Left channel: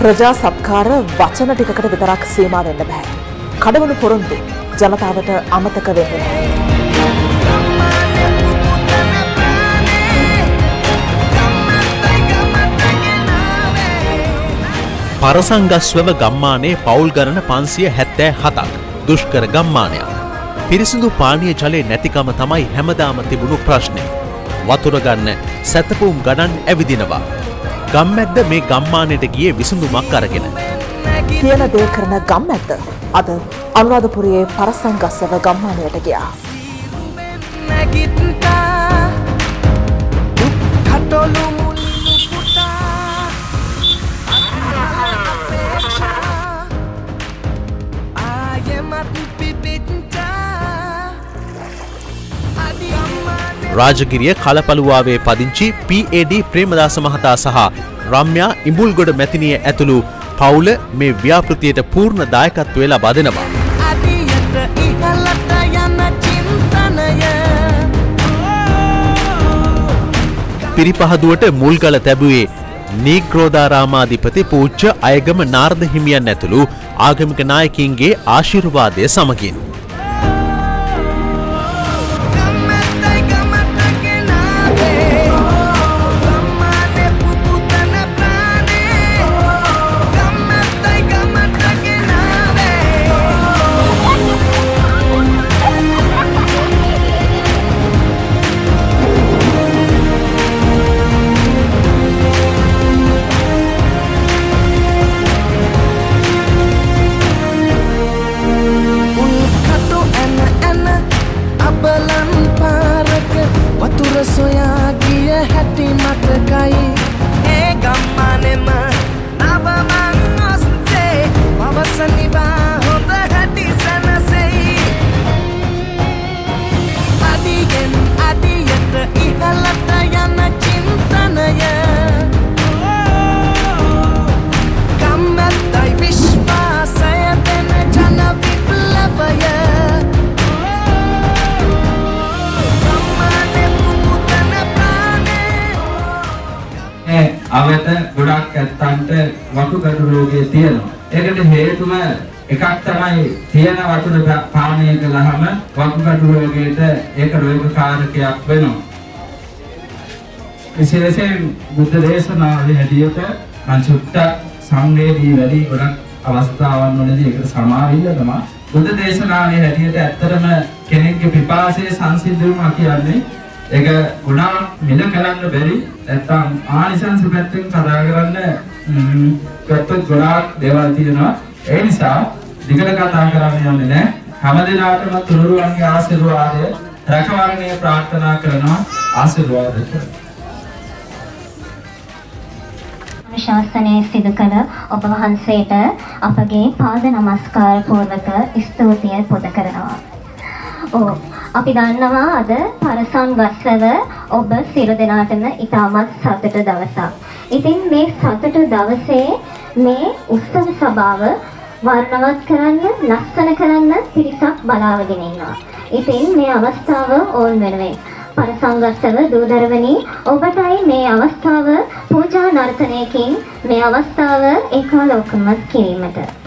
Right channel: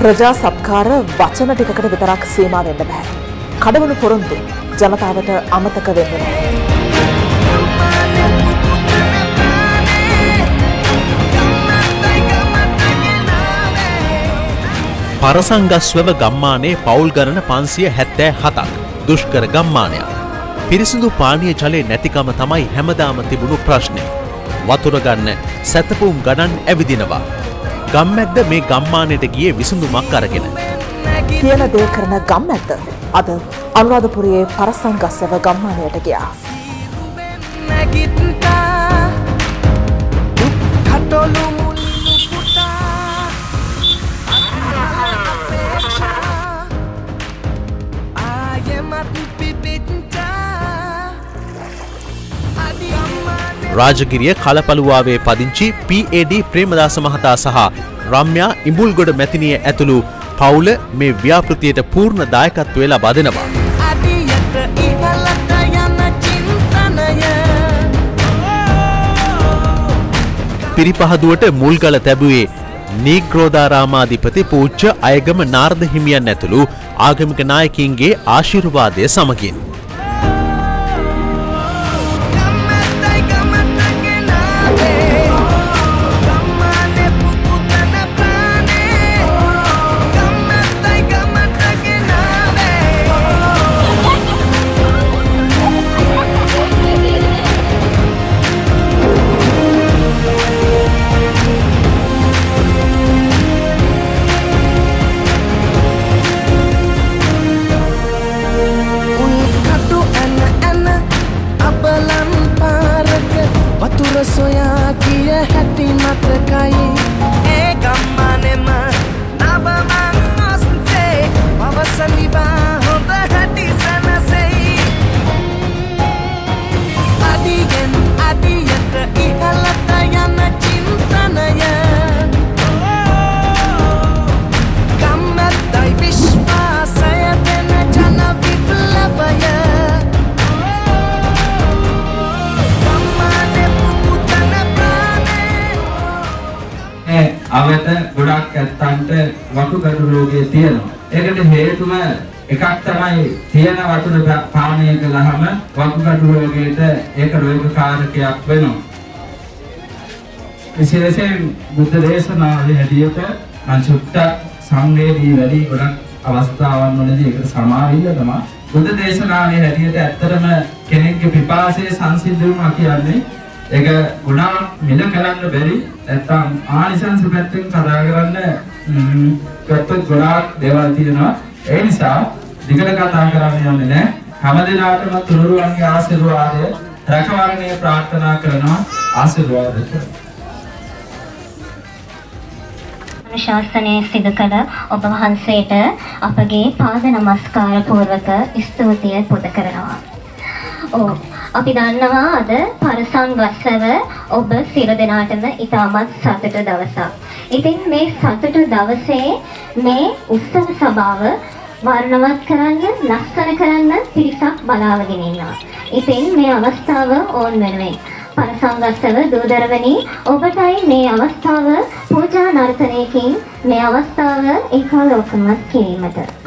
ප්‍රජා සත්කාර වචන ටිකකට විතරක් සීමා වෙන්න බෑ. කඩවුණු පොරොන්දු ජනතාවට අමතක වෙන්නේ නැහැ. පරසංගස්වව ගම්මානයේ පවුල් ගණන 577ක් දුෂ්කර ගම්මානයක්. පිරිසිදු පානීය ජලය නැතිකම තමයි හැමදාම තිබුණු ප්‍රශ්නේ. වතුර ගන්න සැතපුම් ගණන් ඇවිදිනවා. ගම්මැද්ද මේ ගම්මානයට ගියේ විසඳුමක් අරගෙන. කියන දේ කරන ගම්මැද්ද අද අනුරාධපුරයේ පරසංගස්වව ගම්මානයට ගියා. රාජගිරිය කලපලුවාවේ පදිංචි PAD ප්‍රේමදාස මහතා සහ රම්‍යා ඉඹුල්ගොඩ මැතිනිය ඇතුළු පවුල මේ ව්‍යාපෘතියට පූර්ණ දායකත්වය ලබා දෙනවා. පිරිපහදුවට මුල්ගල තැබුවේ නීග්‍රෝධාරාමාධිපති පූජ්‍ය අයගම නාරද හිමියන් ඇතුළු ආගමික නායකින්ගේ ආශිර්වාදය සමගින්. වතුර සොයා කිය හැටි මතකයි ඒ ගම්මානෙම නවමං ඔස්සේ පවසනිවා හොඳ හැටි සැනසෙයි අඩියෙන් අඩියට ඉහළට යන චින්තනය ගම්මැද්දයි විශ්වාසය දෙන ජන විප්ලවය අවත ගොඩක් ඇත්තන්ට වතුකඩු රෝගය තියෙනවා. ඒකට හේතුව එකක් තමයි තියෙන වතුර පානය කළාම වතුකඩු රෝගයට ඒක රෝගකාරකයක් වෙනවා. විශේෂයෙන් බුද්ධ දේශනාවේ හැටියට මම චුට්ටක් සංවේදී වැඩි ගොඩක් අවස්ථාවන් වලදී ඒකට සමාවිල්ල තමයි බුද්ධ දේශනාවේ හැටියට ඇත්තටම කෙනෙක්ගේ පිපාසය සංසිද්ධ වුණා කියන්නේ ඒක ගුණාවක් මිල කරන්න බැරි නැත්තම් ආනිසංස පැත්තෙන් කතා කරන්න පැත්තත් ගොඩාක් දේවල් තියෙනවා. ඒ නිසා දිගට කතා කරන්න යන්නේ නැහැ. හැමදෙනාටම තුනුරුවන්ගේ ආශිර්වාදය රැකවරණය ප්‍රාර්ථනා කරනවා. ආශිර්වාද ශාසනයේ සිදු කළ ඔබ වහන්සේට අපගේ පාද නමස්කාර පූර්වක ස්තුතිය පුද කරනවා. අපි දන්නවා අද පරසංගස්වව ඔබ සියලු දෙනාටම ඉතාමත් සතුට දවසක්. ඉතින් මේ සතුට දවසේ මේ උත්සව සභාව වර්ණවත් කරන්න, ලස්සන කරන්න පිරිසක් බලාගෙන ඉන්නවා. ඉතින් මේ අවස්ථාව ඕන් වෙනුවෙන් පරසංගස්වව දූදරවනි ඔබටයි මේ අවස්ථාව පූජා නර්තනයකින් මේ අවස්ථාව ඒකාලෝකමත් කිරීමට.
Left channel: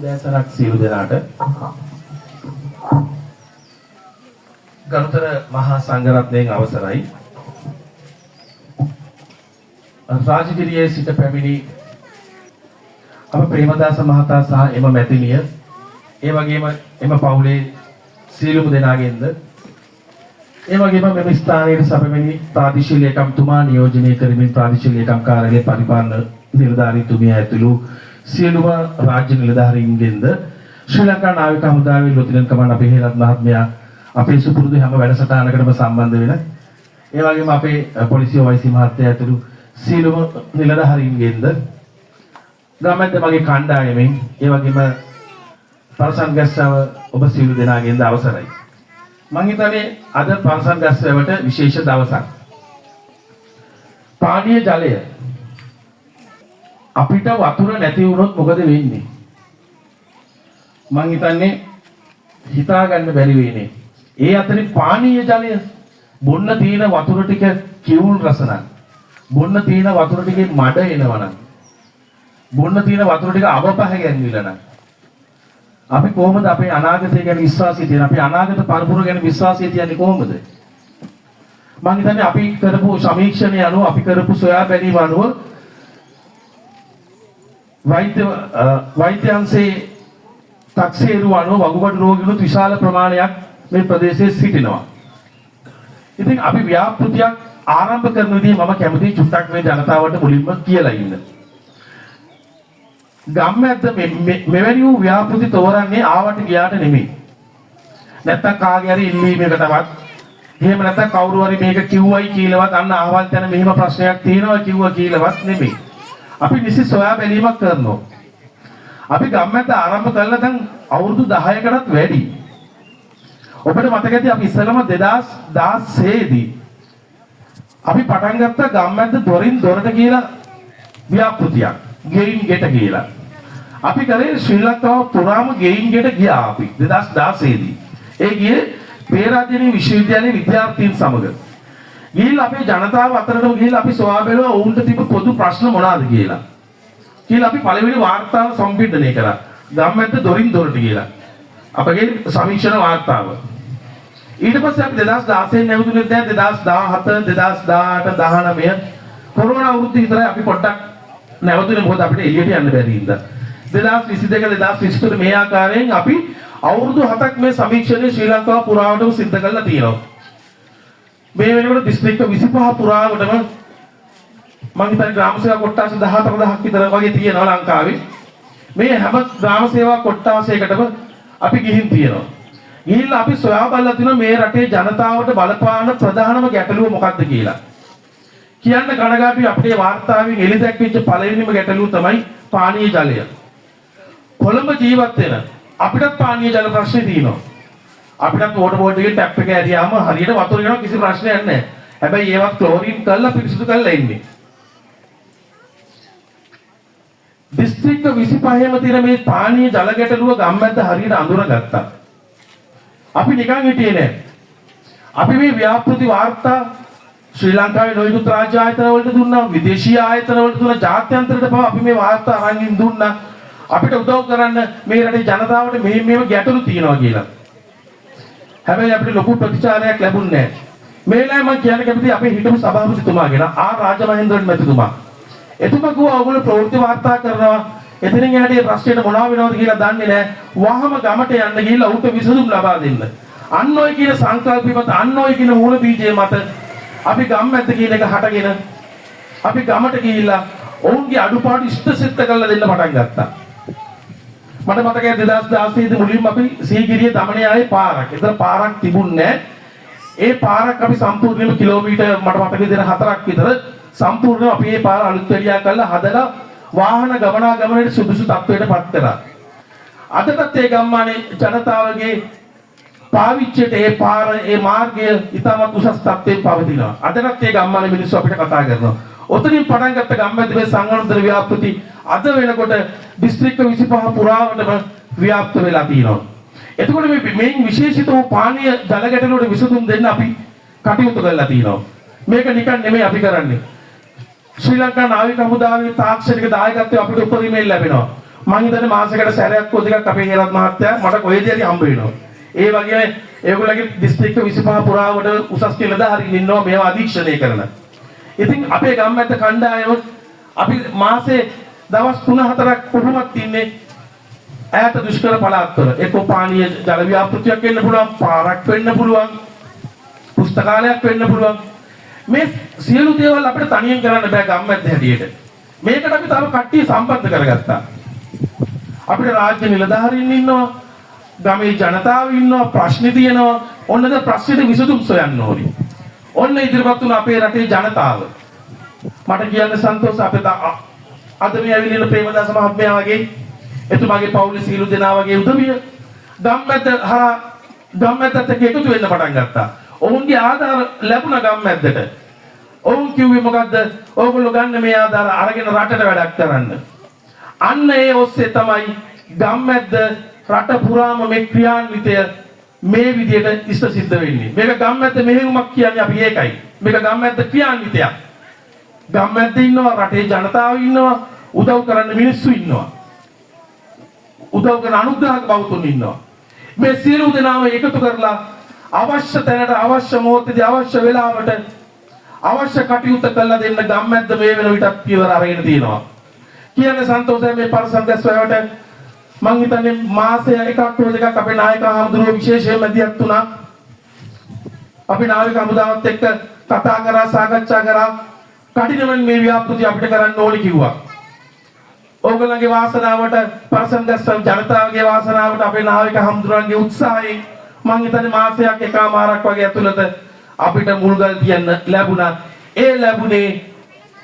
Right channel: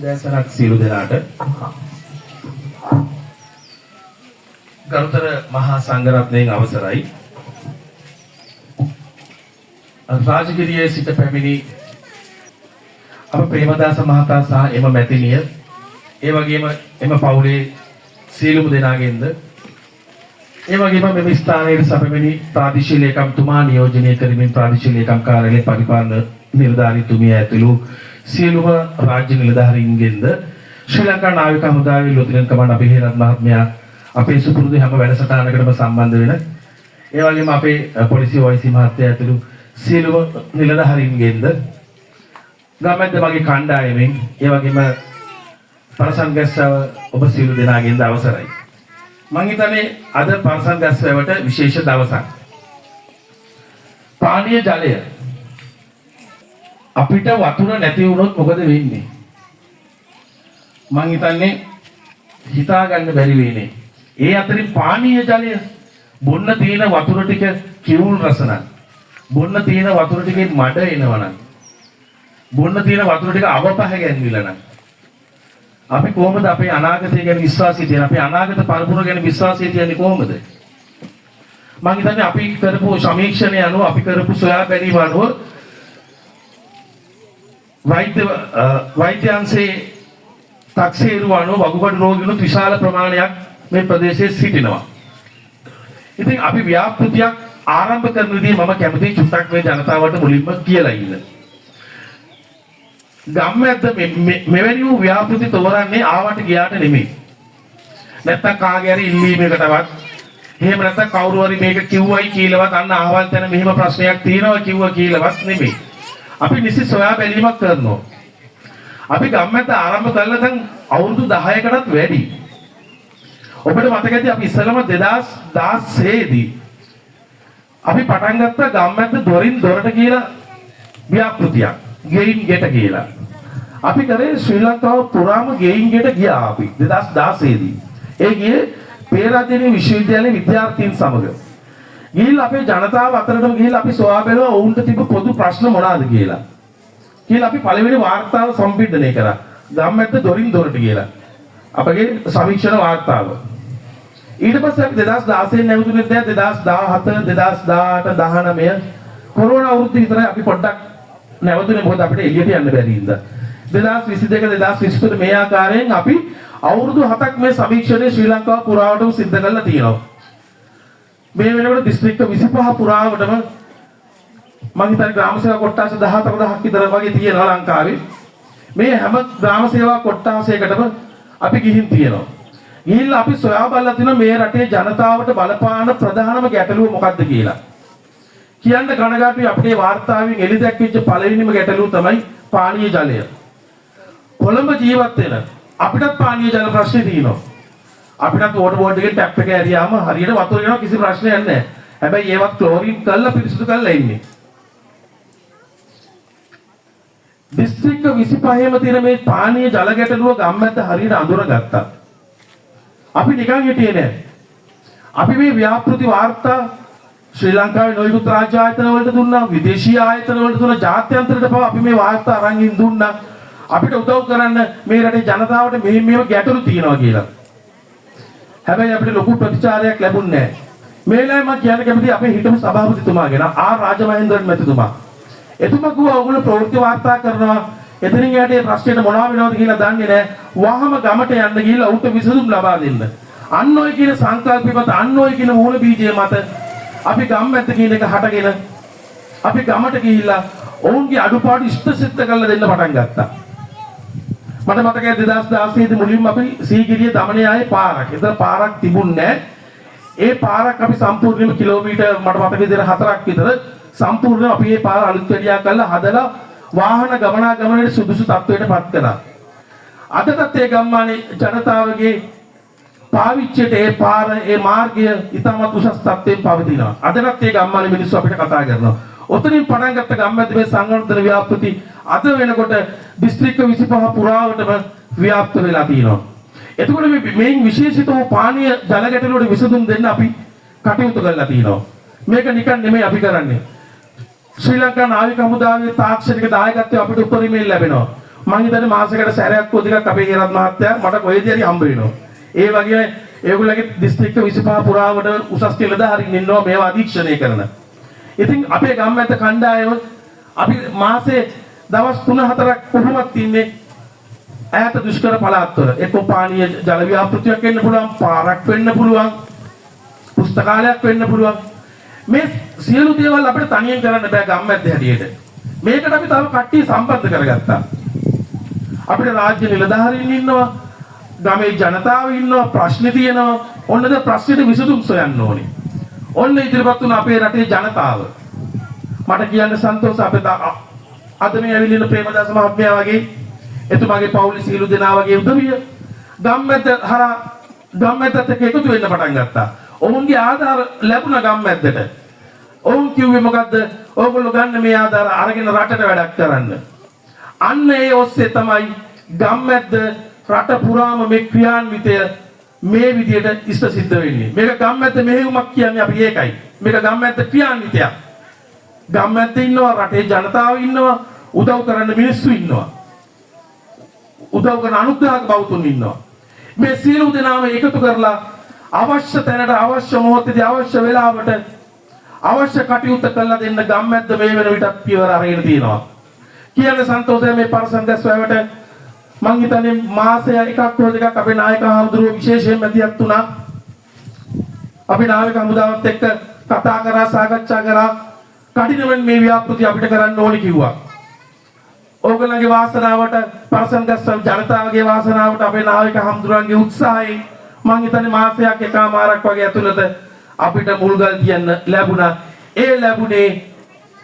උදෑසනක් සියලු දෙනාට. ගරුතර මහා සංඝරත්නයෙන් අවසරයි. රාජගිරියේ සිට පැමිණි අප ප්‍රේමදාස මහතා සහ එම මැතිණිය ඒ වගේම එම පවුලේ සියලුම දෙනාගෙන්ද ඒ වගේම මෙම ස්ථානයේ සැපෙමිනි ප්‍රාදේශීය ලේකම්තුමා නියෝජනය කරමින් ප්‍රාදේශීය ලේකම් කාර්යාලයේ පරිපාලන නිලධාරීතුමිය ඇතුළු සියලුම රාජ්‍ය නිලධාරීන්ගෙන්ද ශ්‍රී ලංකා නාවික හමුදාවේ ලොතිනන් කමාන්ඩර් අභිහේරත් මහත්මයා අපේ සුපුරුදු හැම වැඩසටහනකටම සම්බන්ධ වෙන ඒ වගේම අපේ පොලිසිය OIC මහත්තයා ඇතුළු සියලුම නිලධාරීන්ගෙන්ද ගමැද්ද මගේ කණ්ඩායමෙන් ඒ වගේම පරසන් ගැස්සව ඔබ සියලු දෙනාගෙන්ද අවසරයි. මම හිතන්නේ අද පරසන් ගැස්සවට විශේෂ දවසක්. පානීය ජලය අපිට වතුර නැති වුණොත් මොකද වෙන්නේ? මම හිතන්නේ හිතා ගන්න බැරි වෙන්නේ. ඒ අතරින් පානීය ජලය බොන්න තියෙන වතුර ටික කිවුල් රස නම් බොන්න තියෙන වතුර ටිකේ මඩ එනවනම් බොන්න තියෙන වතුර ටික අවපහ ගැන්විලා නම් අපි කොහොමද අපේ අනාගතය ගැන විශ්වාසය තියන්නේ? අපේ අනාගත පරපුර ගැන විශ්වාසය තියන්නේ කොහොමද? මම හිතන්නේ අපි කරපු සමීක්ෂණය අනුව අපි කරපු සොයා බැලීම අනුව වෛද්‍ය අංශයේ 탁සේරු අනුව වකුගඩු රෝගීනුත් විශාල ප්‍රමාණයක් මේ ප්‍රදේශයේ සිටිනවා. ඉතින් අපි ව්‍යාපෘතියක් ආරම්භ කරන විදිහ මම කැමතියි චුට්ටක් මේ ජනතාවට මුලින්ම කියලා ඉන්න. ගම්මැද්ද මෙවැනි වූ ව්‍යාපෘති තෝරන්නේ ආවට ගියාට නෙමෙයි. නැත්තම් කාගේ හරි ඉල්ලීමකටවත් එහෙම නැත්තම් කවුරු හරි මේක කිව්වයි කියලාවත් අන්න අහවල් තැන මෙහිම ප්‍රශ්නයක් තියෙනවා කිව්වා කියලාවත් නෙමෙයි. අපි නිසි සොයා බැලීමක් කරනවා. අපි ගම්මැද්ද ආරම්භ කළා දැන් අවුරුදු 10කටත් වැඩි. ඔබට මතක ඇති අපි ඉස්සෙල්ලම 2016 දී අපි පටන් ගත්ත ගම්මැද්ද දොරින් දොරට කියලා ව්‍යාපෘතියක්. ගෙයින් ගෙට කියලා. අපි කරේ ශ්‍රී ලංකාව පුරාම ගෙයින් ගෙට ගියා අපි 2016 දී. ඒ ගියේ පේරාදෙණිය විශ්වවිද්‍යාලයේ විද්‍යාර්ථීන් සමග. ගිහිල්ලා අපේ ජනතාව අතරටම ගිහිල්ලා අපි සොයා බැලුවා ඔවුන්ට තිබු පොදු ප්‍රශ්න මොනවාද කියලා. කියලා අපි පළවෙනි වාර්තාව සම්පින්දනය කරා. ගම්මැද්ද දොරින් දොරට කියලා. අපගේ සමීක්ෂණ වාර්තාව. ඊට පස්සේ අපි 2016 නැවතුනේ දැන් 2017 2018 19 කොරෝනා අවුරුද්ද විතරයි අපි පොඩ්ඩක් නැවතුනේ මොකද අපිට එළියට යන්න බැරි හින්දා 2022 2023 මේ ආකාරයෙන් අපි අවුරුදු 7ක් මේ සමීක්ෂණය ශ්‍රී ලංකාව පුරාවටම සිද්ධ කරලා තියෙනවා. මේ වෙනකොට දිස්ත්‍රික්ක 25 පුරාවටම මම හිතන්නේ ග්‍රාම සේවා කොට්ටාස 14000ක් විතර වගේ තියෙනවා ලංකාවේ. මේ හැම ග්‍රාම සේවා කොට්ටාසයකටම අපි ගිහින් තියෙනවා. ගිහිල්ලා අපි සොයා බලලා තිනවා මේ රටේ ජනතාවට බලපාන ප්‍රධානම ගැටලුව මොකක්ද කියලා. කියන්න කනගාටුයි අපේ වාර්තාවෙන් එළි දැක්විච්ච පළවෙනිම ගැටලුව තමයි පානීය ජලය. කොළඹ ජීවත් වෙන අපිටත් පානීය ජල ප්‍රශ්නේ තියෙනවා. අපිටත් වෝටර් බෝඩ් එකේ ටැප් එක ඇරියාම හරියට වතුර යනවා කිසි ප්‍රශ්නයක් නැහැ. හැබැයි ඒවත් ක්ලෝරින් කරලා පිරිසිදු කරලා ඉන්නේ. දිස්ත්‍රික්ක 25ම තියෙන මේ පානීය ජල ගැටලුව ගම්මැද්ද හරියට අඳුරගත්තා. අපි නිකන් හිටියේ නෑ. අපි මේ ව්‍යාපෘති වාර්තා ශ්‍රී ලංකාවේ නොයෙකුත් රාජ්‍ය ආයතන වලට දුන්නා, විදේශීය ආයතන වලට දුන්නා, ජාත්‍යන්තරයට පවා අපි මේ වාර්තා අරන් දුන්නා. අපිට උදව් කරන්න මේ රටේ ජනතාවට මේ ගැටලු තියෙනවා කියලා. හැබැයි අපිට ලොකු ප්‍රතිචාරයක් ලැබුණේ නෑ. මේ වෙලාවේ මම කියන්න කැමතියි අපේ හිටපු සභාපතිතුමාගෙන රාජමහේන්ද්‍රන් මැතිතුමා. එතුමා කිව්වා ඔයගොල්ලෝ ප්‍රවෘත්ති වාර්තා කරනවා එතනින් එහාට මේ ප්‍රශ්නෙට මොනවා වෙනවද කියලා දන්නේ නැහැ. වහම ගමට යන්න ගිහිල්ලා උන්ට විසඳුම් ලබා දෙන්න. අන්න ඔය කියන සංකල්පي මත අන්න ඔය කියන මූල බීජය මත අපි ගම්මැද්ද කියන එක හටගෙන අපි ගමට ගිහිල්ලා ඔවුන්ගේ අඩුපාඩු ඉෂ්ටසිද්ධ කරලා දෙන්න පටන් ගත්තා. මට මතකයි 2016 දී මුලින්ම අපි සීගිරිය දමණේ ආයේ පාරක්. ඒතර පාරක් තිබුණේ නැහැ. ඒ පාරක් අපි සම්පූර්ණයෙන්ම කිලෝමීටර් මට මතකයි 4ක් විතර සම්පූර්ණයෙන් අපි මේ පාර අලුත් වැඩියා කරලා හදලා වාහන ගමනාගමනයේ සුදුසු තත්ත්වයට පත් කළා. අදටත් ඒ ගම්මානයේ ජනතාවගේ පාවිච්චියට ඒ පාර ඒ මාර්ගය ඉතාමත් උසස් තත්ත්වයෙන් පවතිනවා. අදටත් ඒ ගම්මානයේ මිනිස්සු අපිට කතා කරනවා. ඔතනින් පටන් ගත්ත ගම්මැද්ද මේ සංවර්ධන ව්‍යාපෘති අද වෙනකොට දිස්ත්‍රික්ක 25 පුරාවටම ව්‍යාප්ත වෙලා තියෙනවා. එතකොට මේ විශේෂිත වූ පානීය ජල ගැටලුවට විසඳුම් දෙන්න අපි කටයුතු කරලා තියෙනවා. මේක නිකන් නෙමෙයි අපි කරන්නේ. ශ්‍රී ලංකා නාවික හමුදාවේ තාක්ෂණික දායකත්වය අපිට උපරිමයෙන් ලැබෙනවා. මම හිතන්නේ මාසෙකට සැරයක් හෝ දෙකක් අපේ හේරත් මහත්තයා මට කොහෙදී හරි හම්බ වෙනවා. ඒ වගේම ඒගොල්ලන්ගේ දිස්ත්‍රික්ක 25 පුරාවට උසස් නිලධාරීන් ඉන්නවා මේවා අධීක්ෂණය කරන. ඉතින් අපේ ගම්මැද්ද කණ්ඩායම අපි මාසේ දවස් 3-4ක් කොහොමත් ඉන්නේ ඈත දුෂ්කර පළාත්වල. ඒක පානීය ජල ව්‍යාපෘතියක් වෙන්න පුළුවන්, පාරක් වෙන්න පුළුවන්, පුස්තකාලයක් වෙන්න පුළුවන්. මේ සියලු දේවල් අපිට තනියෙන් කරන්න බෑ ගම්මැද්ද හැටියට. මේකට අපි තව කට්ටිය සම්බන්ධ කරගත්තා. අපිට රාජ්‍ය නිලධාරීන් ඉන්නවා, ගමේ ජනතාව ඉන්නවා, ප්‍රශ්න තියෙනවා. ඔන්නද ප්‍රශ්නෙට විසඳුම් සොයන්න ඕනේ. ඔන්න ඉදිරිපත් වුණ අපේ රටේ ජනතාව. මට කියන්න සන්තෝෂ අපේ අද මේ ඇවිල්ලා ප්‍රේමදාස මහත්මයා වගේ එතුමාගේ පවුලේ සීලු දෙනා වගේ උදවිය ගම්මැද්දත් එක්ක එකතු වෙන්න පටන් ගත්තා. ඔවුන්ගේ ආධාර ලැබුණ ගම්මැද්දට. ඔවුන් කිව්වේ මොකද්ද? ඕගොල්ලෝ ගන්න මේ ආධාර අරගෙන රටට වැඩක් කරන්න. අන්න ඒ ඔස්සේ තමයි ගම්මැද්ද රට පුරාම මේ ක්‍රියාන්විතය මේ විදිහට ඉෂ්ට සිද්ධ වෙන්නේ. මේක ගම්මැද්ද මෙහෙයුමක් කියන්නේ අපි ඒකයි. මේක ගම්මැද්ද ක්‍රියාන්විතයක්. ගම්මැද්ද ඉන්නවා, රටේ ජනතාව ඉන්නවා, උදව් කරන්න මිනිස්සු ඉන්නවා. උදව් කරන අනුග්‍රහක බෞතුන් ඉන්නවා. මේ සියලු දෙනාම එකතු කරලා අවශ්‍ය තැනට අවශ්‍ය මොහොතේදී අවශ්‍ය වෙලාවට අවශ්‍ය කටයුතු කළා දෙන්න ගම්මැද්ද මේ වෙන විටත් පියවර අරගෙන තියෙනවා. කියන්නේ සන්තෝෂයි මේ පරිසංගස් වලට මං හිතන්නේ මාසය එකක් හෝ දෙකක් අපේ නායක හඳුරුව විශේෂයෙන් මැදිහත් වුණා. අපි නායක හමුදාවත් එක්ක කතා කරා, සාකච්ඡා කරා. කටිනෙන් මේ ව්‍යාපෘති අපිට කරන්න ඕනේ කිව්වා. ඕගොල්ලන්ගේ වාසනාවට පරිසංගස් වල ජනතාවගේ වාසනාවට අපේ නායක හඳුරුවන්ගේ උත්සාහයෙන් මං හිතන්නේ මාසයක් එකමාරක් වගේ ඇතුළත අපිට මුල්ගල් තියන්න ලැබුණා. ඒ ලැබුණේ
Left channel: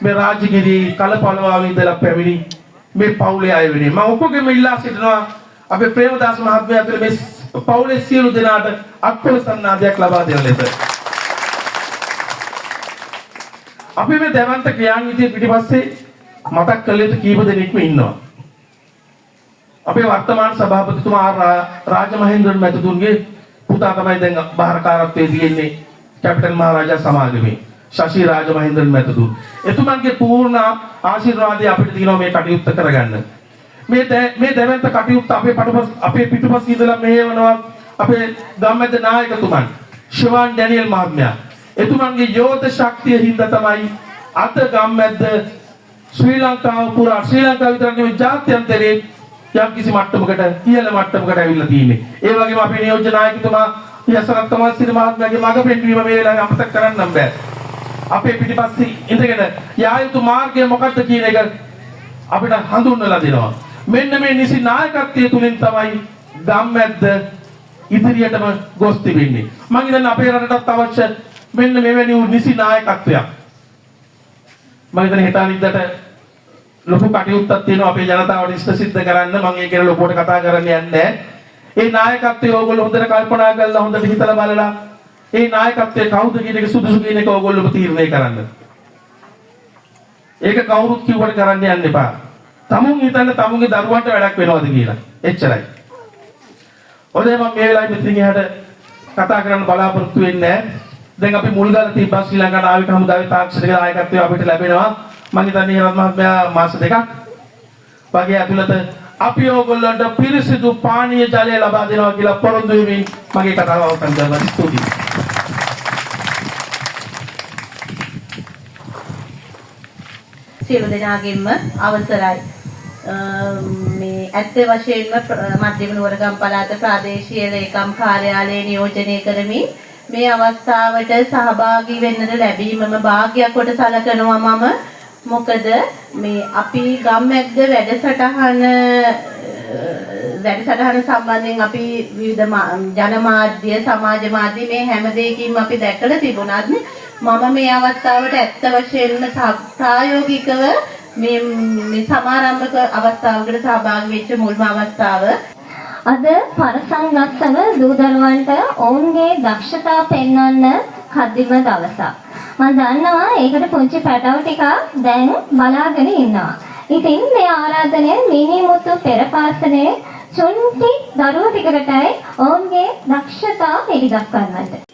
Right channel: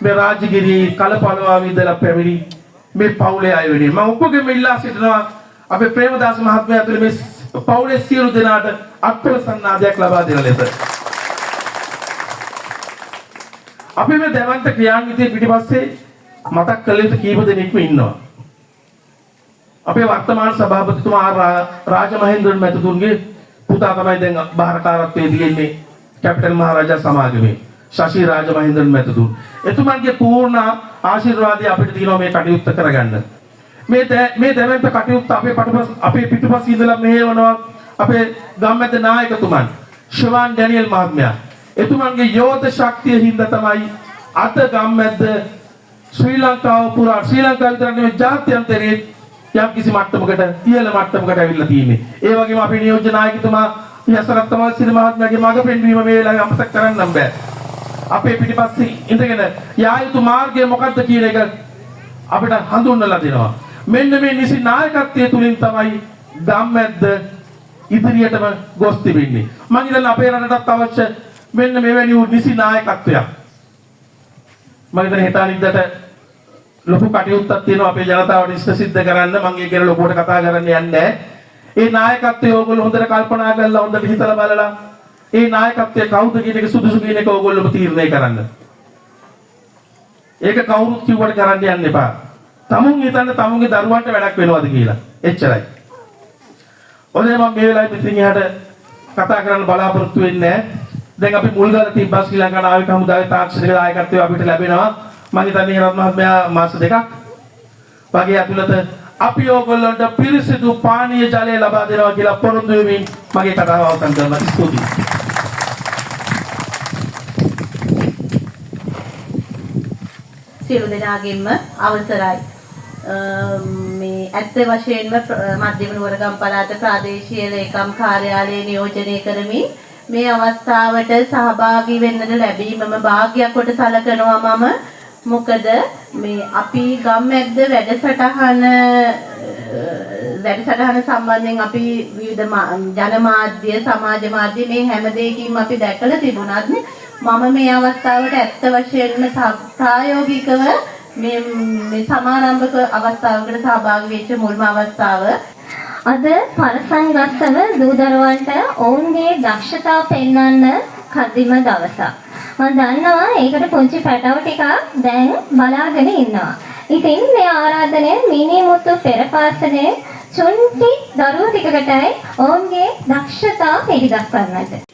මේ රාජගිරි කලපලවාවේ ඉඳලා පැමිණි මේ පවුලේ අය වෙනුවෙන්. මම ඔක්කොගෙම ඉල්ලා සිටිනවා අපේ ප්‍රේමදාස මහත්මයා ඇතුළේ මේ පවුලේ සියලු දෙනාට අත්පොළ සන්නාදයක් ලබා දෙන ලෙස. අපි මේ දැවන්ත ක්‍රියාන්විතයේ පිටිපස්සේ මතක් කළ යුතු කීප දෙනෙක්ම ඉන්නවා. අපේ වර්තමාන සභාපතිතුමා රාජමහේන්ද්‍රන් මැතිතුන්ගේ පුතා තමයි දැන් බාරකාරත්වයේ තියෙන්නේ කැපිටල් මහරජා සමාගමේ. ශශී රාජමහේන්ද්‍රන් මැතිතුමා. එතුමන්ගේ පූර්ණ ආශිර්වාදය අපිට තියෙනවා මේ කටයුත්ත කරගන්න. මේ දැවැන්ත කටයුත්ත අපේ පිටුපස ඉඳලා මෙහෙවනවා අපේ ගම්මැද්ද නායකතුමන් ශිවාන් ඩැනියල් මහත්මයා. එතුමන්ගේ යෝධ ශක්තිය හින්දා තමයි අද ගම්මැද්ද ශ්‍රී ලංකාව පුරා ශ්‍රී ලංකාව විතර නෙවෙයි ජාත්‍යන්තරයේ යම් කිසි මට්ටමකට ඉහළ මට්ටමකට ඇවිල්ලා තියෙන්නේ. ඒ වගේම අපේ නියෝජ්‍ය නායකතුමා යසරත් කමල්සිරි මහත්මයාගේ මඟ පෙන්වීම මේ වෙලාවේ අමතක කරන්න බෑ. අපේ පිටිපස්සේ ඉඳගෙන යා යුතු මාර්ගය මොකක්ද කියන එක අපිට හඳුන්වලා දෙනවා. මෙන්න මේ නිසි නායකත්වයේ තුලින් තමයි ගම්මැද්ද ඉදිරියටම ගොස් තිබෙන්නේ. මම හිතන්නේ අපේ රටටත් අවශ්‍ය මෙන්න මෙවැනි නිසි නායකත්වයක්. මම හිතන්නේ හිතාන ඉද්දට ලොකු කටයුත්තක් තියෙනවා අපේ ජනතාවට ඉෂ්ට සිද්ධ කරන්න. මම ඒක ගැන ලොකුවට කතා කරන්න යන්නේ නැහැ. ඒ නායකත්වය ඕගොල්ලෝ හොඳට කල්පනා කරලා හොඳට හිතලා බලලා ඒ නායකත්වයේ කවුද කියන එක සුදුසු කියන එක ඕගොල්ලෝ තීරණය කරන්න. ඒක කවුරුත් කිව්වට කරන්න යන්න එපා. තමුන් හිතන්න තමුන්ගේ දරුවන්ට වැඩක් වෙනවද කියලා. එච්චරයි. ඔතන මම මේ වෙලාවේ මෙතනින් එහාට කතා කරන්න බලාපොරොත්තු වෙන්නේ නැහැ. දැන් අපි මුල්ගල තිබ්බා ශ්‍රී ලංකා නාවික හමුදාවේ තාක්ෂණික නායකත්වය අපිට ලැබෙනවා. මම හිතන්නේ හේරත් මහත්මයා මාස දෙකක් වගේ ඇතුළත අපි ඕගොල්ලන්ට පිරිසිදු පානීය ජලය ලබා දෙනවා කියලා පොරොන්දු වෙමින් මගේ කතාව අවසන් කරනවා. ස්තුතියි. සියලු දෙනාගෙන්ම අවසරයි. මේ ඇත්ත වශයෙන්ම මධ්‍යම නුවරගම් පළාත ප්‍රාදේශීය ලේකම් කාර්යාලයේ නියෝජනය කරමින් මේ අවස්ථාවට සහභාගී වෙන්නට ලැබීමම වාග්යක් කොට සැලකනවා මම. මොකද මේ අපි ගම්මැද්ද වැඩසටහන සම්බන්ධයෙන් අපි විවිධ ජනමාධ්‍ය සමාජ මාධ්‍ය මේ හැම දෙයකින්ම අපි දැකලා තිබුණත් මම මේ අවස්ථාවට ඇත්ත වශයෙන්ම ප්‍රායෝගිකව මේ සමාරම්භක අවස්ථාවකට සහභාගී වෙච්ච මුල්ම අවස්ථාව. අද පරසංගස්සව දූ දරුවන්ට ඔවුන්ගේ දක්ෂතා පෙන්වන්න කදිම දවසක්. මම දන්නවා ඒකට පුංචි පැටව ටිකක් දැන් බලාගෙන ඉන්නවා. ඉතින් මේ ආරාධනය මිනිමුතු පෙරපාසලේ චුන්ටි දරුවෝ ටිකකටයි ඔවුන්ගේ දක්ෂතා පිළිදක්වන්නට.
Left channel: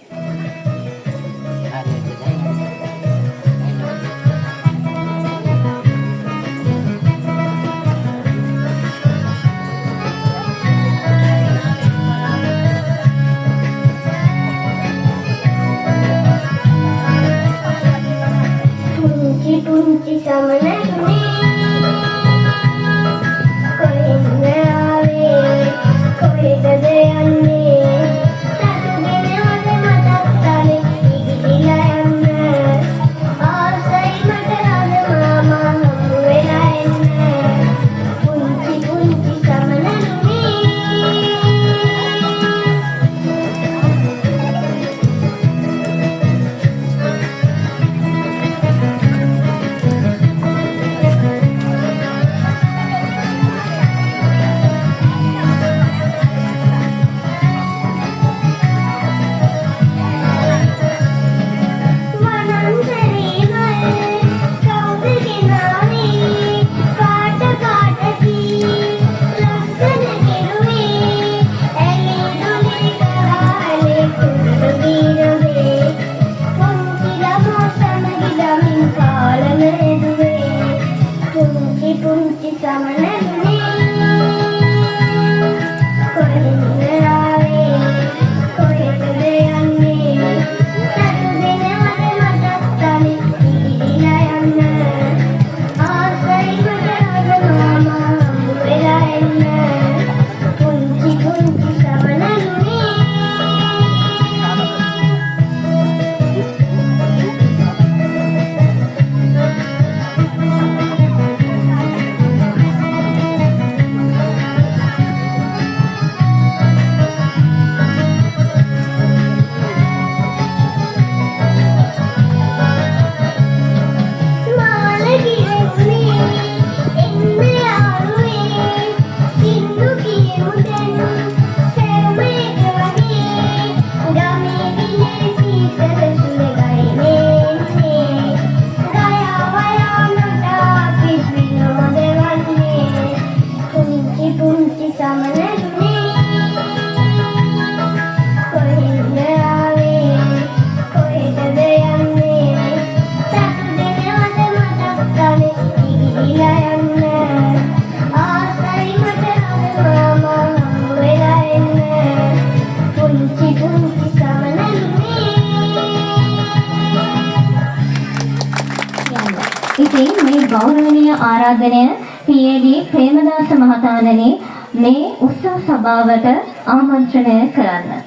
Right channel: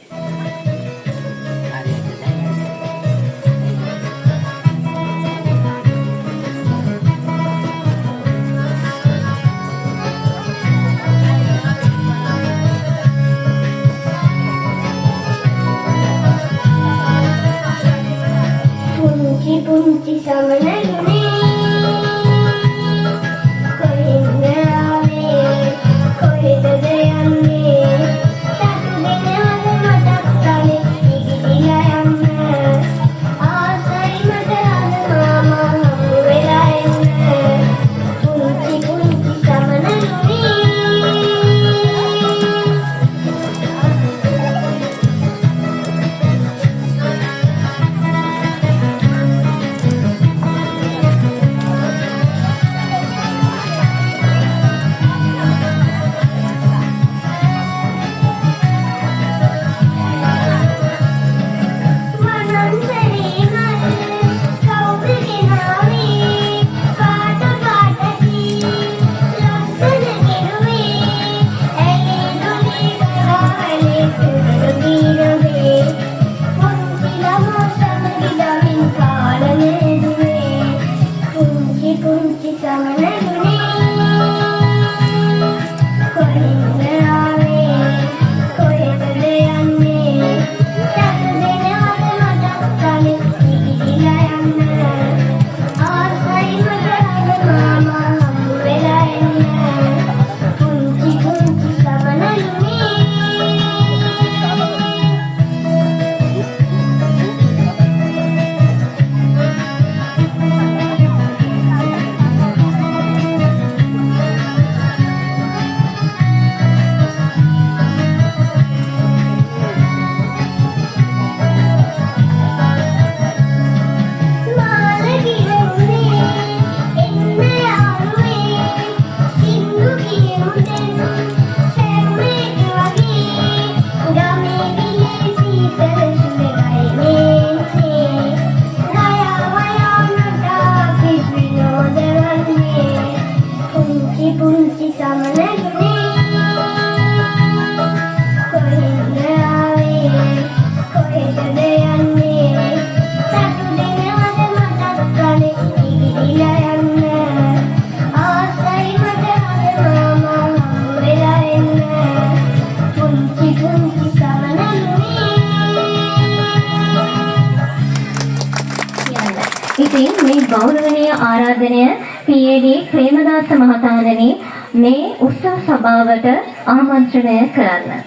ගෞරවනීය ආරාධනය PAD ප්‍රේමදාස මහතාණනි මේ උත්සව සභාවට ආමන්ත්‍රණය කරන්න.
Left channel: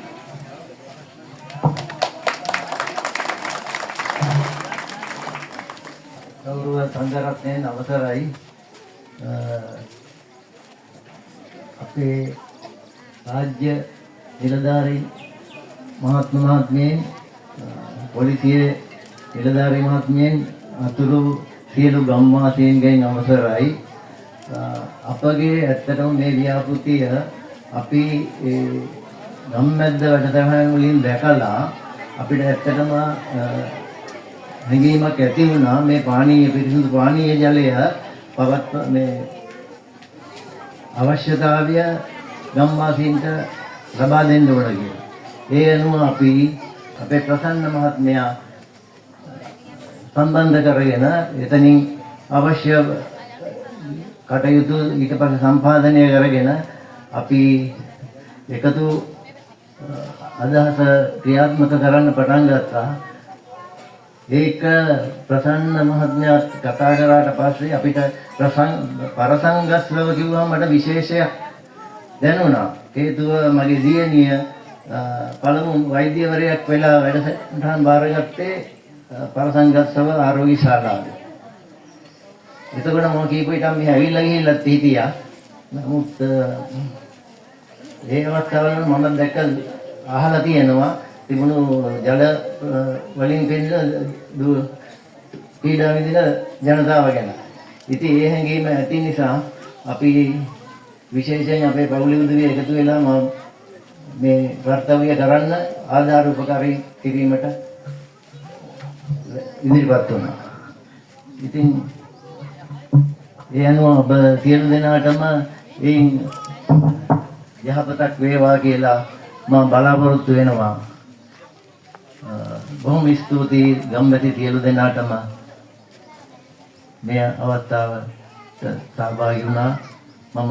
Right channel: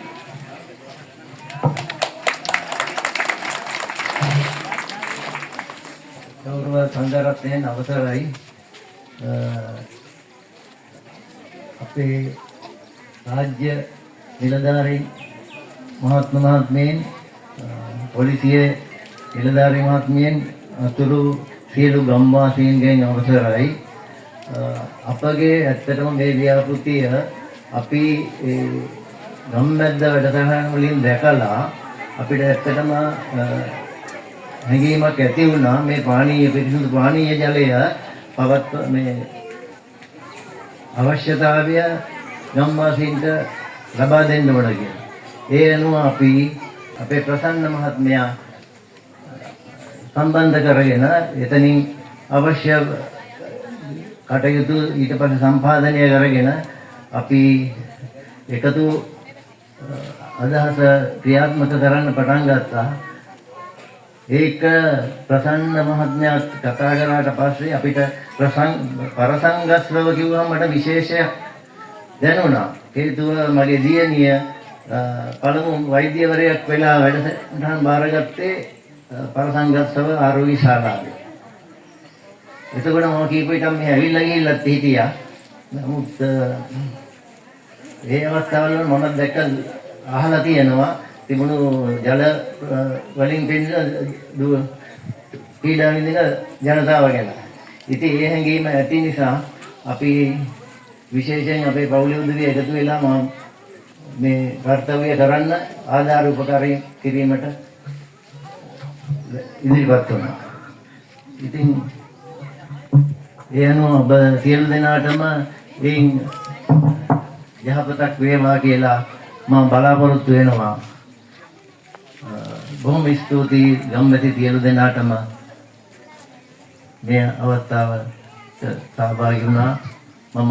ගෞරව සංඝරත්නයන් අවසරයි අපේ රාජ්‍ය නිලධාරී මහත්මයන් පොලිසිය නිලධාරී මහත්මයන් අතුරු සියලු ගම්වාසීන්ගෙන් අවසරයි අපගේ ඇත්තටම මේ ව්‍යාපෘතිය අපි ගම්මැද්ද වැඩසටහන් වලින් දැකලා අපිට ඇත්තටම හැඟීමක් ඇති වුණා මේ පානීය පිරිසිදු පානීය ජලය පවත් මේ අවශ්‍යතාවය ගම්වාසීන්ට ලබා දෙන්න ඕන කියලා. ඒ අනුව අපි අපේ ප්‍රසන්න මහත්මයා සම්බන්ධ කරගෙන එතනින් අවශ්‍ය කටයුතු ඊට පස්සේ සම්පාදනය කරගෙන අපි එකතු අදහස ක්‍රියාත්මක කරන්න පටන් ගත්තා. ඒක ප්‍රසන්න මහත්මයා කතා කරාට පස්සේ අපිට පරසංගස්රව කිව්වම මට විශේෂයක් දැනුණා. හේතුව මගේ දියණිය පළමු වෛද්‍යවරයෙක් වෙලා වැඩසටහන් බාරගත්තේ පරසංගස්රව ආරෝග්‍ය ශාලාවේ. එතකොට මම කීප විටම මේ ඇවිල්ලා ගිහිල්ලත් හිටියා. නමුත් ඒ අවස්ථාවල මම දැක්ක අහලා තියෙනවා තිබුණු ජල වලින් පීඩා විඳින ජනතාව ගැන. ඉතින් ඒ හැඟීම ඇති නිසා අපි විශේෂයෙන් අපේ පවුලේ උදවිය එකතු වෙලා මේ කර්තව්‍ය කරන්න ආධාර උපකාරී කිරීමට ඉදිරිපත් වුණා. ඉතින් ඒ අනුව ඔබ සියලු දෙනාටම එයින් යහපතක් වේවා කියලා මම බලාපොරොත්තු වෙනවා. බොහොම ස්තුතියි ගම්මැති සියලු දෙනාටම මේ අවස්ථාවට සහභාගී වුණා. මම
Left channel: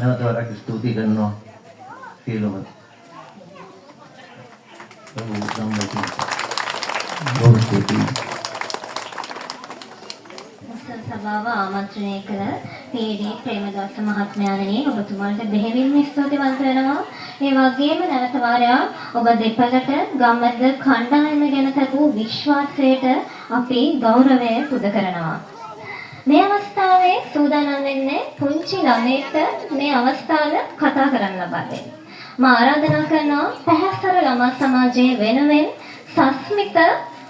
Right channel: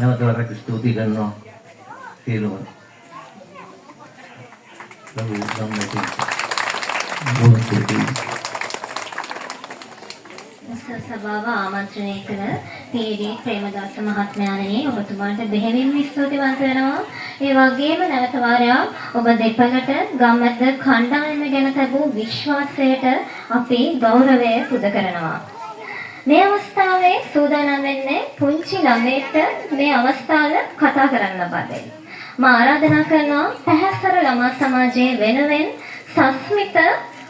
නැවත වරක් ස්තුති කරනවා සියලුම සභාව ආමන්ත්‍රණය කළ PAD ප්‍රේමදාස මහත්මයාණනි ඔබතුමාට බෙහෙවින්ම ස්තුතිවන්ත වෙනවා. ඒ වගේම නැවත වාරයක් ඔබ දෙපළට ගම්මැද්ද කණ්ඩායම ගැන තිබූ විශ්වාසයට අපි ගෞරවය පුද කරනවා. මේ අවස්ථාවේ සූදානම් වෙන්නේ පුංචි ළමයෙක්ට මේ අවස්ථාව කතා කරන්න ලබා දෙන්න. මම ආරාධනා කරනවා පැහැසර ළමා සමාජයේ වෙනුවෙන් සස්මිත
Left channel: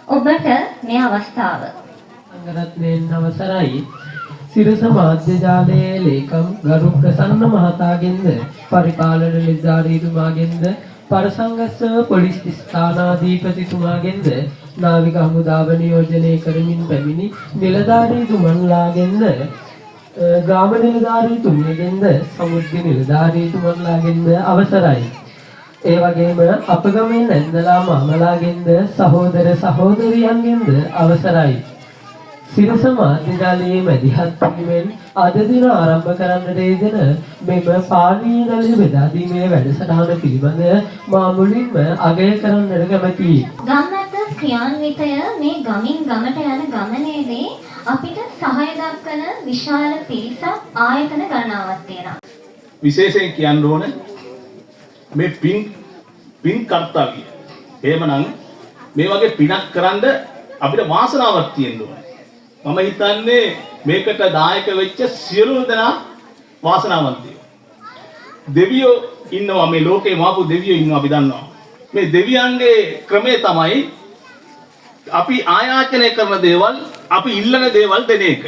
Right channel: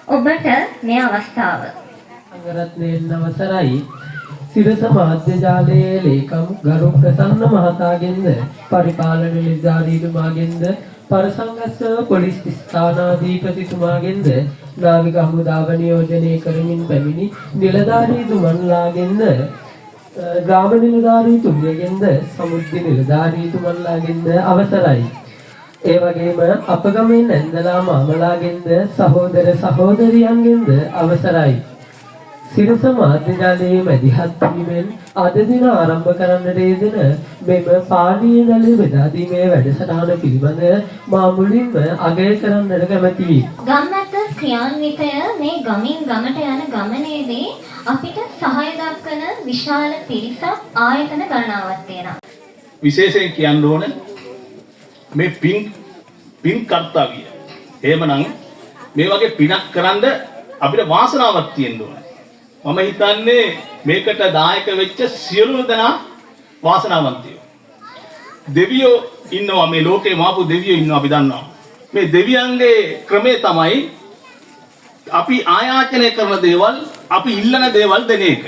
ඔබට මේ අවස්ථාව. සංඝරත්නයන් අවසරයි සිරස මාධ්‍ය ජාලයේ ලේකම් ගරු ප්‍රසන්න මහතාගෙන්ද පරිපාලන නිලධාරීතුමාගෙන්ද පරසංගස්ව පොලිස් ස්ථානාධිපතිතුමාගෙන්ද නාවික හමුදාව නියෝජනය කරමින් පැමිණි නිලධාරීතුමන්ලාගෙන්ද ග්‍රාම නිලධාරීතුමියගෙන්ද සමුද්‍ර නිලධාරීතුමන්ලාගෙන්ද අවසරයි. ඒ වගේම අපගමෙන් ඇන්දලා මාමලාගෙන්ද සහෝදර සහෝදරියන්ගෙන්ද අවසරයි. සිරස මාධ්‍ය ජාලයේ මැදිහත් වීමෙන් අද දින ආරම්භ කරන්නට යෙදෙන මෙම පානීය ජල බෙදා දීමේ වැඩසටහන පිළිබඳ මා මුලින්ම අගය කරන්නට කැමැතියි. ගම්මැද්ද ක්‍රියාන්විතය මේ ගමින් ගමට යන ගමනේදී අපිට සහාය දක්වන විශාල පිරිසක් ආයතන ගණනාවක් තියෙනවා. විශේෂයෙන් කියන්න ඕන මේ පින් කර්තව්‍ය. එහෙමනම් මේ වගේ පිනක් කරන්ද අපිට වාසනාවක් තියෙන්න ඕනේ. මම හිතන්නේ මේකට දායක වෙච්ච සියලු දෙනා වාසනාවන්තයෝ. දෙවියෝ ඉන්නවා මේ ලෝකේ මාපු දෙවියෝ ඉන්නවා අපි දන්නවා. මේ දෙවියන්ගේ ක්‍රමය තමයි අපි ආයාචනය කරන දේවල් අපි ඉල්ලන දේවල් දෙන එක.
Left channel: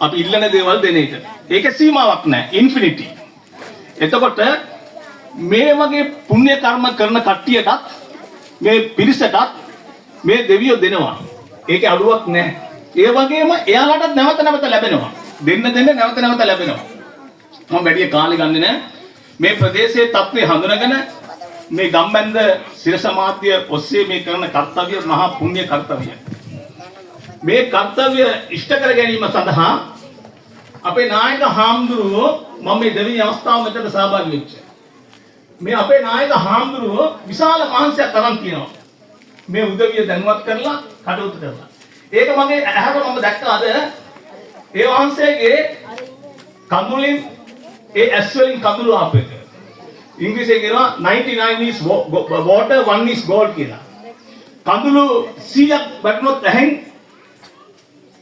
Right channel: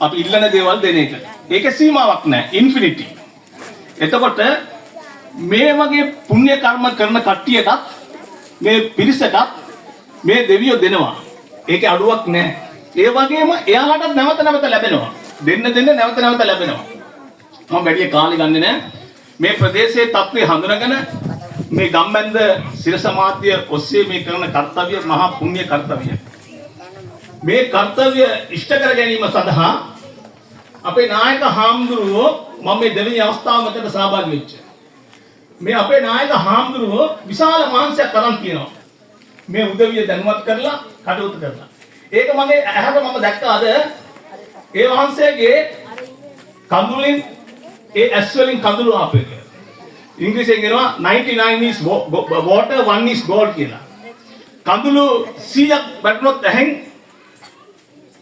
අපි ඉල්ලන දේවල් දෙන එක. ඒකේ සීමාවක් නැහැ. ඉන්ෆිනිටි. එතකොට මේ වගේ පුණ්‍ය කර්ම කරන කට්ටියටත් මේ පිරිසටත් මේ දෙවියෝ දෙනවා. ඒකේ අඩුවක් නැහැ. ඒ වගේම එයාලට නැවත නැවත ලැබෙනවා. දෙන්න නැවත නැවත ලැබෙනවා. මම වැඩි කාලේ ගන්නෙ නැහැ. මේ ප්‍රදේශයේ තත්ත්වය හඳුනගෙන මේ ගම්බැන්ද සිරස මාධ්‍ය ඔස්සේ මේ කරන කර්තව්‍ය මහා පුණ්‍ය කර්තව්‍ය. මේ කර්තව්‍ය ඉෂ්ට කර ගැනීම සඳහා අපේ නායක හාමුදුරුවෝ මම මේ දෙවෙනි අවස්ථාව මෙතන සහභාගී වෙච්ච. මේ අපේ නායක හාමුදුරුවෝ විශාල මහන්සියක් අරන් කියනවා. මේ උදවිය දැනුවත් කරලා කටයුතු කරලා. ඒක මගේ ඇහැට මම දැක්කා අද ඒ වහන්සේගේ කඳුලින් ඒ ඇස් වලින් කඳුළු ආපු එක. ඉංග්‍රීසියෙන් කියනවා 99 is water 1 is gold කියලා. කඳුළු 100ක් වැටුනොත් ඇහෙන්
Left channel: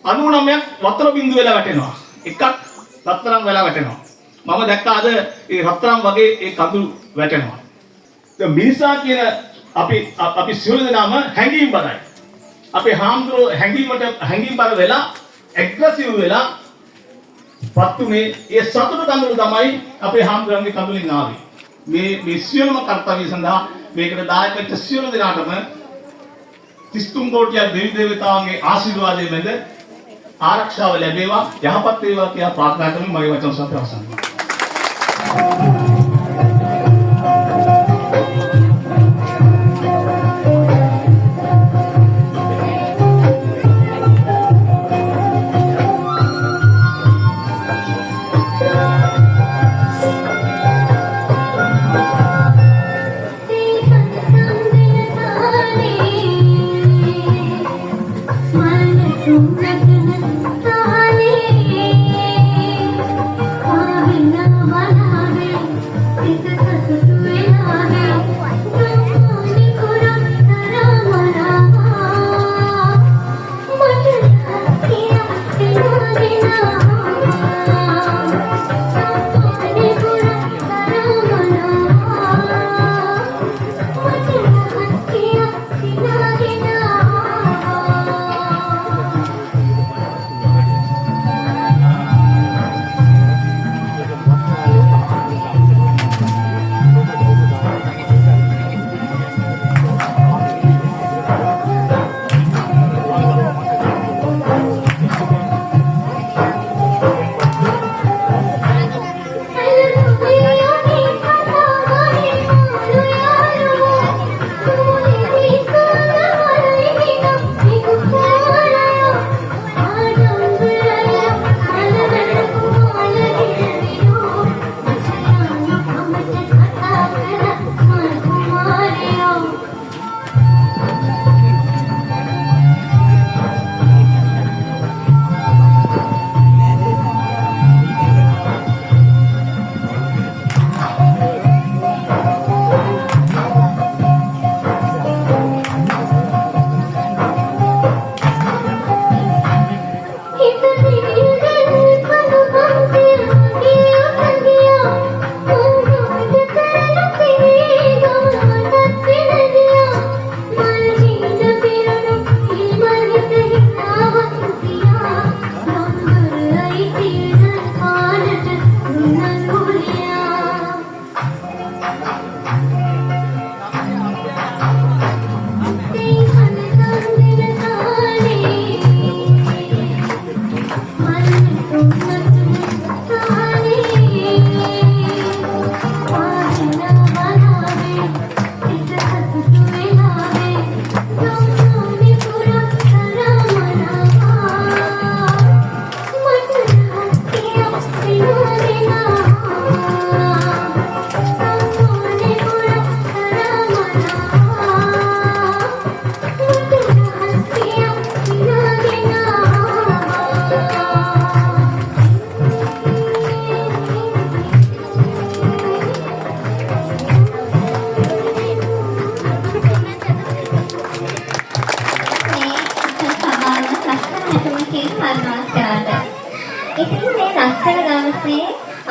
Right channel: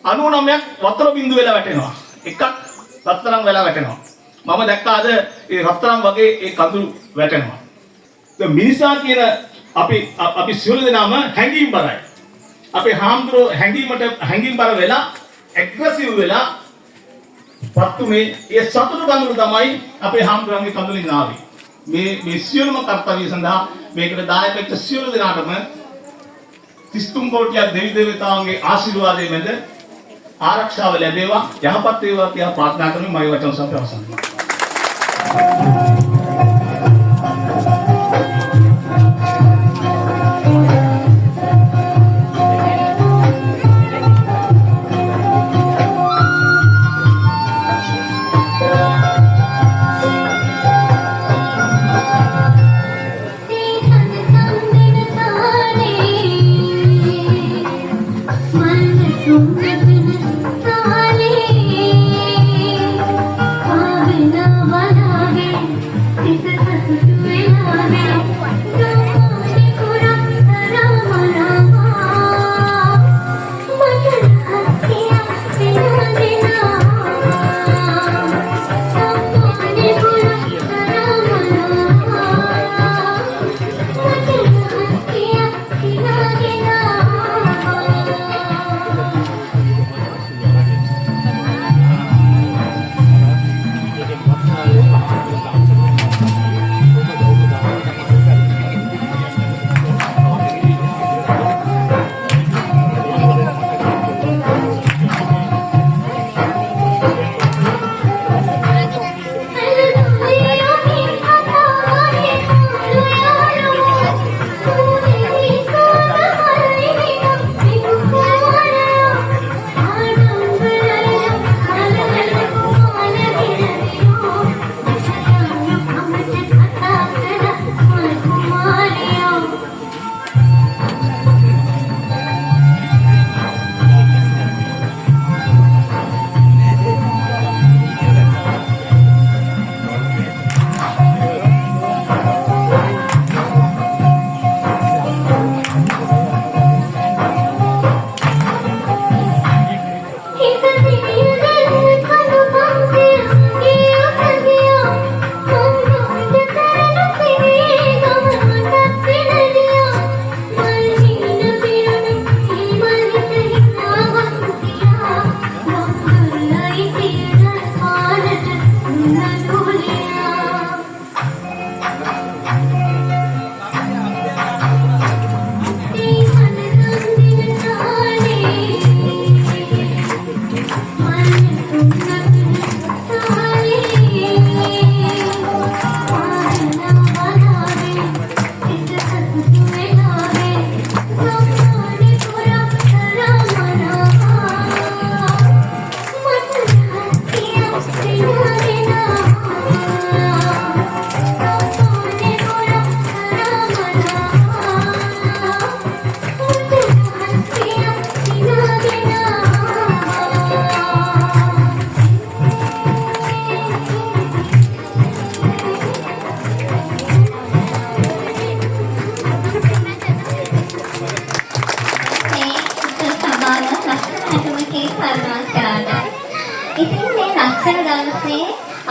99ක් වතුර බින්දුව වෙලා වැටෙනවා. එකක් රත්තරන් වෙලා වැටෙනවා. මම දැක්කා අද ඒ රත්තරන් වගේ ඒ කඳුළු වැටෙනවා. ඒ මිනිසා කියන අපි සියලු දෙනාම හැංගීම් බරයි. අපේ හාමුදුරුවෝ හැංගීම් බර වෙලා ඇග්‍රෙසිව් වෙලා පත්තුනේ ඒ සතුටු කඳුළු තමයි අපේ හාමුදුරන්ගේ කඳුලින් ආවේ. මේ සියලුම කර්තව්‍ය සඳහා මේකට දායක වෙච්ච සියලු දෙනාටම 33 කෝටියක් දෙවි දේවතාවුන්ගේ ආශිර්වාදයෙන් මැද ආරක්ෂාව ලැබේවා යහපත් වේවා කියලා ප්‍රාර්ථනා කරමින් මගේ වචන සම්ප්‍රාප්ත අවසන් කරනවා.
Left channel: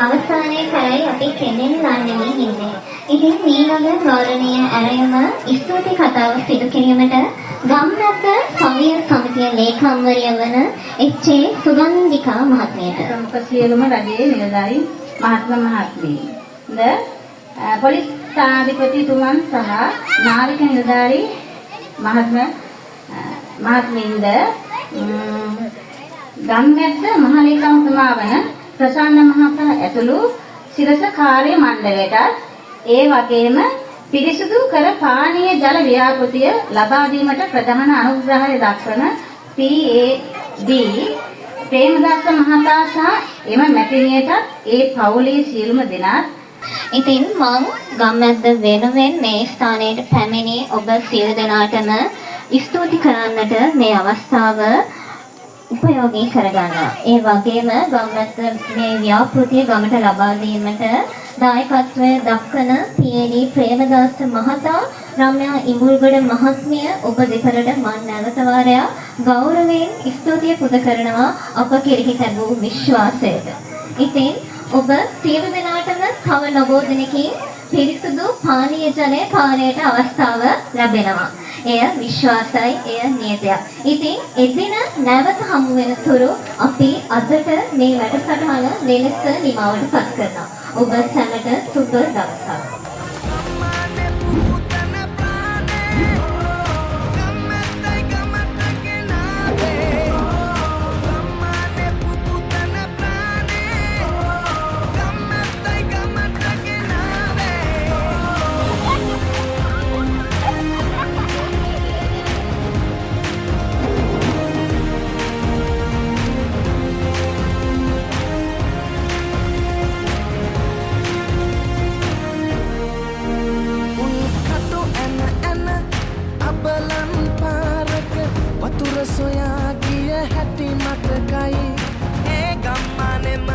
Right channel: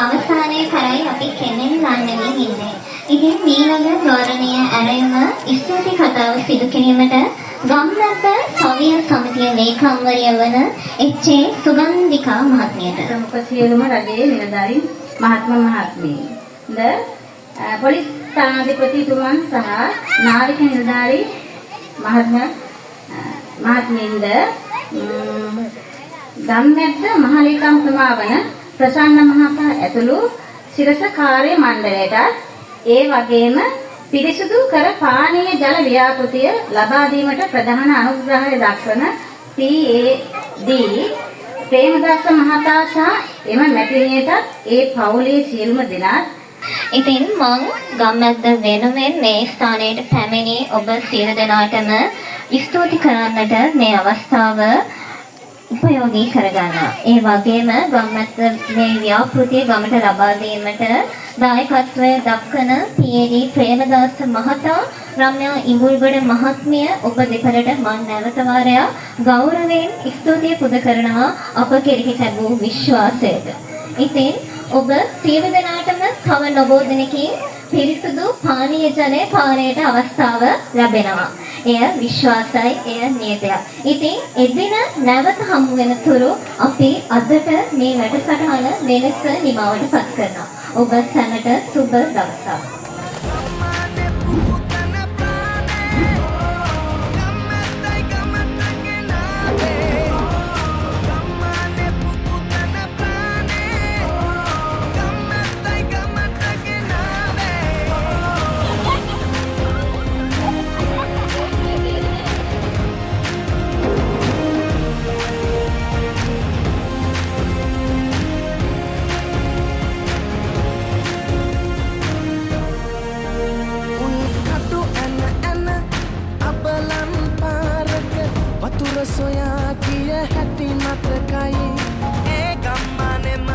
අවසානයේ කරයි අපි කෙනෙක් ගන්නනේ ඉන්නේ. ඉතින් මේ වගේ ගෞරවනීය ඇරෙම ස්තුති කතාව සිදු කිරීමට ගම්නත සවිය සමිතිය ලේකම්වරිය වන එච්.ඒ. සුගන්ධිකා මහත්මියට සියලුම රජයේ නිලධාරී මහත්මීන් පොලිස් ස්ථානාධිපතිතුමන් සහ නාවික නිලධාරී මහත්මීන්ද ගම්නත මහලේකම්තුමා වන ප්‍රසන්න මහතා ඇතුළු සිරස කාර්ය මණ්ඩලයට ඒ වගේම පිරිසුදු කර පානීය ජල ව්‍යාපෘතිය ලබා දීමට ප්‍රධාන අනුග්‍රහය දක්වන PAD ප්‍රේමදත්ත මහතා සහ එම මැතිණියට ඒ පවුලේ සියලුම දෙනාත් ඉතින් මම ගම්නත වෙනුවෙන් මේ ස්ථානයට පැමිණි ඔබ සියලු දෙනාටම ස්තුති කරන්නට මේ අවස්ථාව උපයෝගී කරගන්නවා. ඒ වගේම ගම්මැස්ස මේ ව්‍යාපෘතිය ගමට ලබා දීමට දායකත්වය දක්වන පී.ඒ.ඩී. ප්‍රේමදාස මහතා, රම්‍යා ඉඟුල්ගොඩ මහත්මිය ඔබ දෙපළට මන් නැවත වාරයක් ගෞරවයෙන් ස්තුතිය පුද කරනවා අප කෙරෙහි ලැබූ විශ්වාසයට. ඉතින් ඔබ සියලු දෙනාටම තව නොබෝ දිනකින් පිරිසුදු පානීය ජලය පානයට අවස්ථාව ලැබෙනවා. එය විශ්වාසයි, එය නියතයක්. ඉතින් එදින නැවත හමු වෙන තුරු අපි අදට මේ වැඩසටහන මෙලෙස නිමවට පත් කරනවා. ඔබ සැමට සුබ දවසක්. ගම්මානේ පුපුතන ප්‍රාණේ ගම්මැත්තයි ගමට ගෙනාවේ ගම්මානේ පුපුතන ප්‍රාණේ ගම්මැත්තයි ගමට ගෙනාවේ උල්කටු ඇන ඇන අබලන් පාරක වතුර සොයා කිය හැටි මතකයි ඒ ගම්මානෙම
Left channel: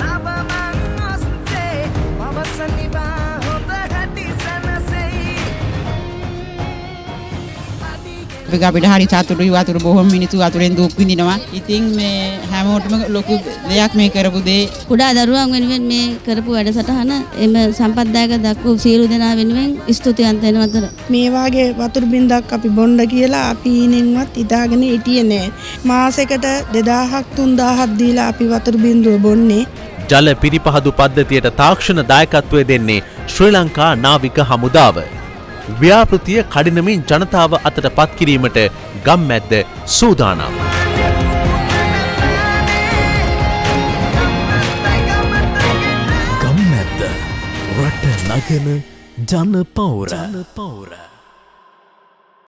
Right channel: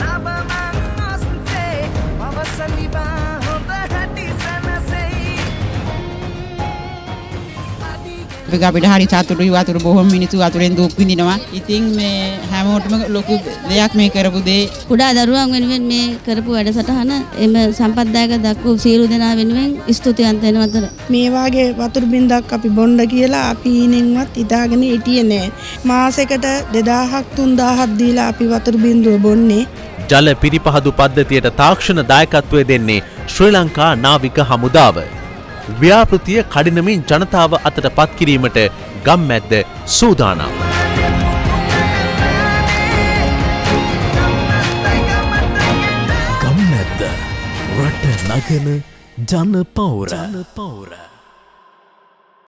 නවමන් ඔස්සේ පවසනිවා හොඳ හැටි සැනසෙයි ඒක අපිට හරි සතුටුයි. වතුර බොහොම මිනිස්සු වතුරෙන් දුක් විඳිනවා. ඉතින් මේ හැමෝටම ලොකු දෙයක් මේ කරපු දේ. කුඩා දරුවන් වෙනුවෙන් මේ කරපු වැඩසටහන එම සම්පත්දායක දක්වපු සියලු දෙනා වෙනුවෙන් ස්තුතිවන්ත වෙනවා. මේ වාගේ වතුර බින්දක් අපි බොන්න කියලා අපි ඊනෙන්වත් හිතාගෙන හිටියේ නෑ. මාසෙකට 2000ක් 3000ක් දීලා අපි වතුර බින්දුව බොන්නේ. ජල පිරිපහදු පද්ධතියට තාක්ෂණ දායකත්වය දෙන්නේ ශ්‍රී ලංකා නාවික හමුදාව. ව්‍යාපෘතිය කඩිනමින් ජනතාව අතට පත් කිරීමට ගම්මැද්ද සූදානම්. ගම්මැද්ද රට නගන ජන පෞර